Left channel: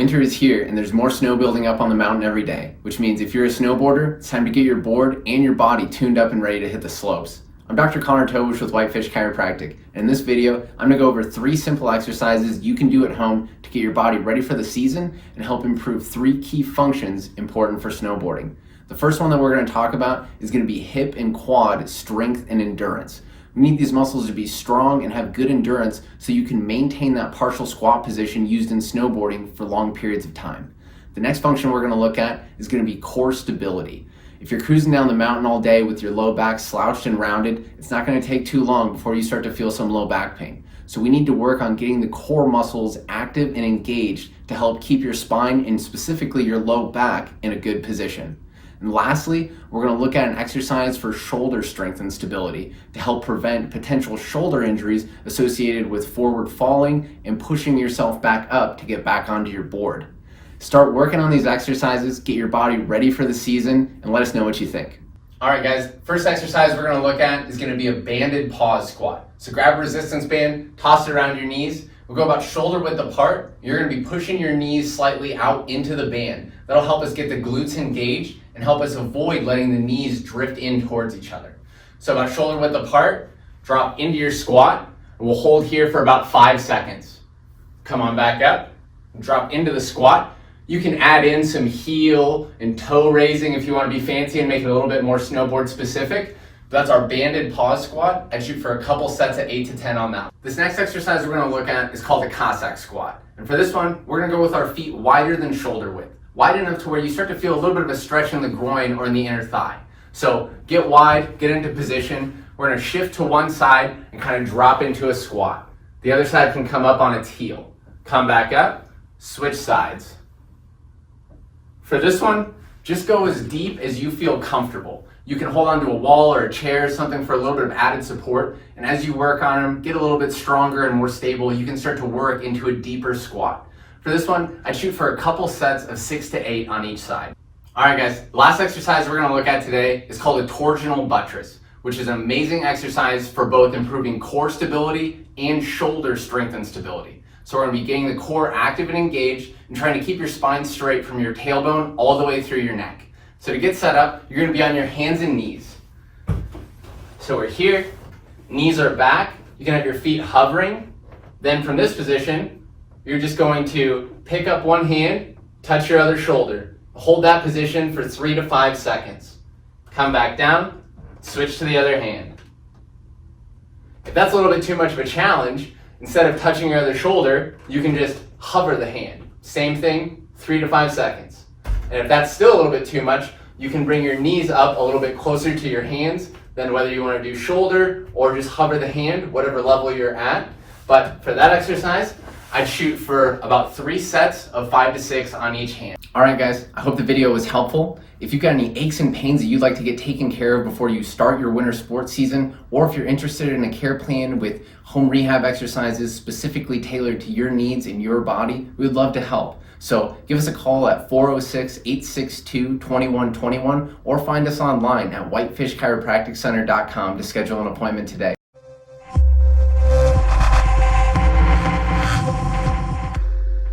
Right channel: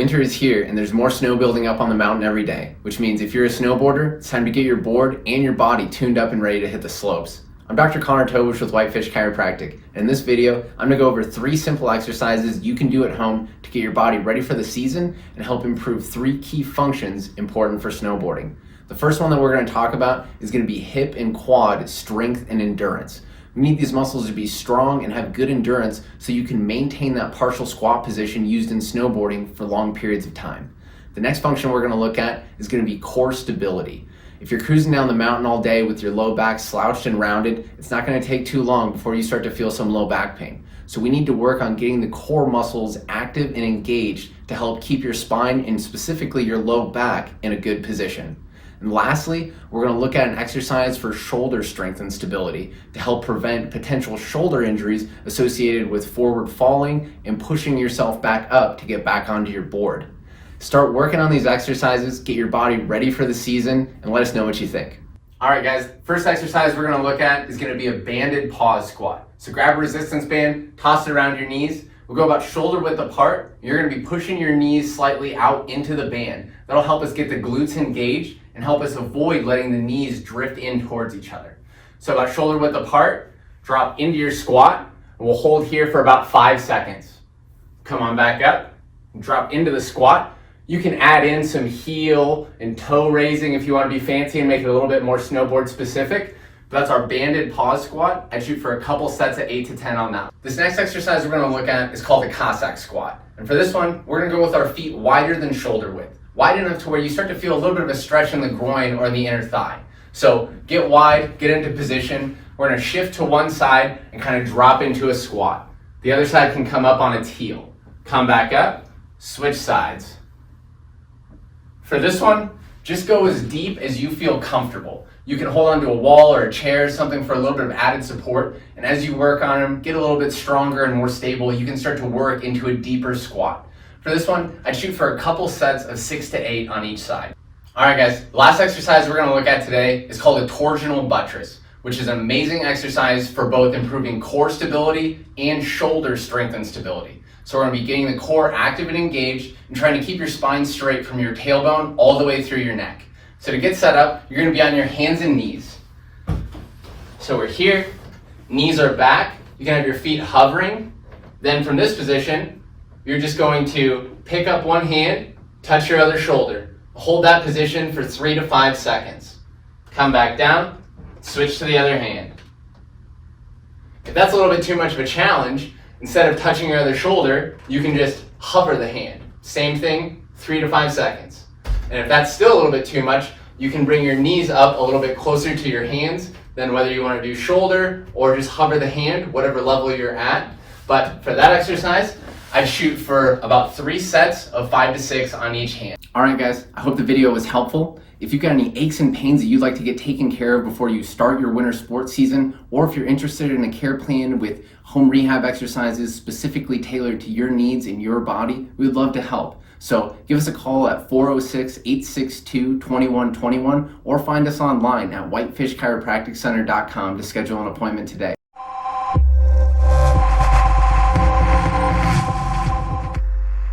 Winter is here and there's more snow building up on the mountain every day, which means if you're a snowboarder, it's time to get your board and your body tuned up and ready to hit the slopes. I'm Dr. Tobisch with Whitefish Chiropractic, and in this video, I'm going to go over 3 simple exercises you can do at home to get your body ready for the season and help improve 3 key functions important for snowboarding. The first one that we're going to talk about is going to be hip and quad strength and endurance. We need these muscles to be strong and have good endurance so you can maintain that partial squat position used in snowboarding for long periods of time. The next function we're going to look at is going to be core stability. If you're cruising down the mountain all day with your low back slouched and rounded, it's not going to take too long before you start to feel some low back pain. So we need to work on getting the core muscles active and engaged to help keep your spine and specifically your low back in a good position. And lastly, we're going to look at an exercise for shoulder strength and stability to help prevent potential shoulder injuries associated with forward falling and pushing yourself back up to get back onto your board. Start working on these exercises, get your body ready for the season, and let us know what you think. All right, guys, first exercise we're going to look at is going to be a banded pause squat. So grab a resistance band, toss it around your knees. We'll go about shoulder width apart. You're going to be pushing your knees slightly out into the band. That'll help us get the glutes engaged and help us avoid letting the knees drift in towards each other. So about shoulder width apart, drop into your squat, and we'll hold here for about 5 seconds. Come on back up, drop into the squat. You can add in some heel and toe raising if you want to be fancy and make it a little bit more snowboard specific. That's our banded pause squat. I'd shoot for a couple sets of 8 to 10 on that. This next exercise we're going to look at is called a Cossack squat. And for this one, we're going to go with our feet wider than shoulder width. Wide enough to where you start to feel a little bit of a stretch in the groin or in the inner thigh. So get wide, get into position. We're going to shift to one side and kind of drop into a squat. The other side can come up on its heel. Come back up, switch sides. For this one, just go as deep as you feel comfortable. You can hold onto a wall or a chair, something for a little bit of added support. And as you work on them, get a little bit stronger and more stable, you can start to work into a deeper squat. For this one, I'd shoot for a couple sets of 6 to 8 on each side. All right, guys, the last exercise we're gonna look at today is called a torsional buttress, which is an amazing exercise for both improving core stability and shoulder strength and stability. So we're gonna be getting the core active and engaged and trying to keep your spine straight from your tailbone all the way through your neck. So to get set up, you're gonna be on your hands and knees. So we're here, knees are back, you can have your feet hovering. Then from this position, you're just going to pick up one hand, touch your other shoulder. Hold that position for 3 to 5 seconds. Come back down, switch to the other hand. If that's a little bit too much of a challenge, instead of touching your other shoulder, you can just hover the hand. Same thing, 3 to 5 seconds. And if that's still a little bit too much, you can bring your knees up a little bit closer to your hands than whether you want to do shoulder or just hover the hand, whatever level you're at. But for that exercise, I'd shoot for about 3 sets of 5 to 6 on each hand. All right, guys, I hope the video was helpful. If you've got any aches and pains that you'd like to get taken care of before you start your winter sports season, or if you're interested in a care plan with home rehab exercises specifically tailored to your needs and your body, we'd love to help. So give us a call at 406-862-2121 or find us online at whitefishchiropracticcenter.com to schedule an appointment today.